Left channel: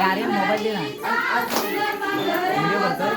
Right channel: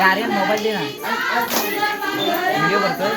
ಯಾರೇ mobile video ಬರ್ತದೆ